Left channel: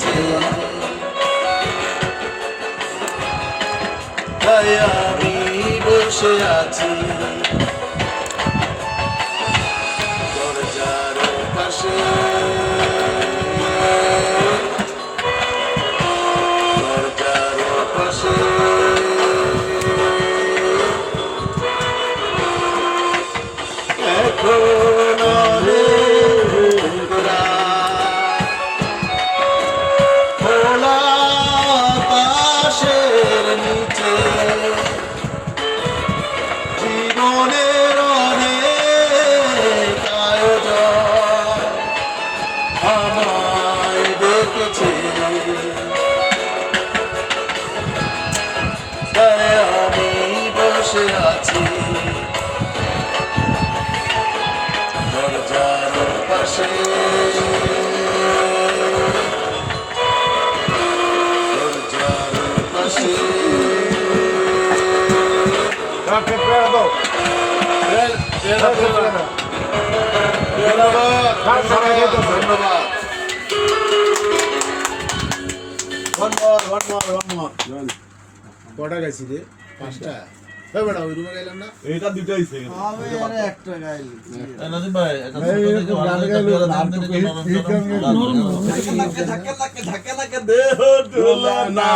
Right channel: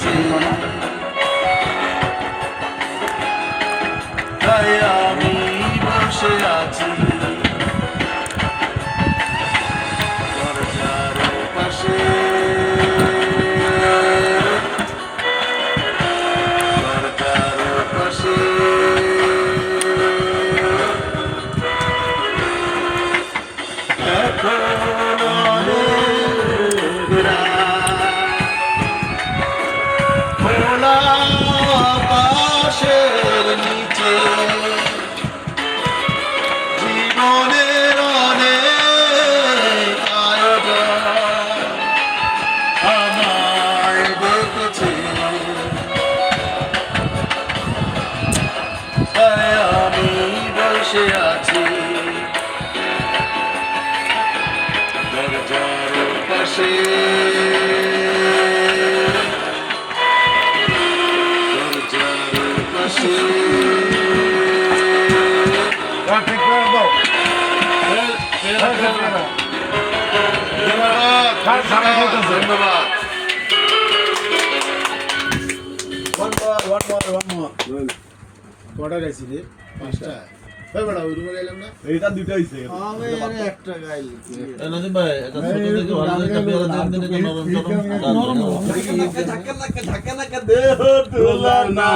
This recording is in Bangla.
ডেকেছে তাই আমি বসে আছি দরজার পাশে দরজার পাশে এখন অনেক রাত, খোলা আকাশের নিচে জীবনের অনেক আয়োজন আমায় ডেকেছে তাই আমি বসে আছি দরজার পাশে দরজার পাশে ঠিক করে দাও ধন্যবাদ ধন্যবাদ কটা গাইছি রে? 5টা। এই বেটা ওই রুমে গেলাম না? এইটা দুটো হইছে আমি এনে একটা গাইলি। নাজিম ভাই এটা ছোট থেকে ভালো একটা পেয়ারা দাম দিন একটু নরম চরম ধাক্কা লাগা দে না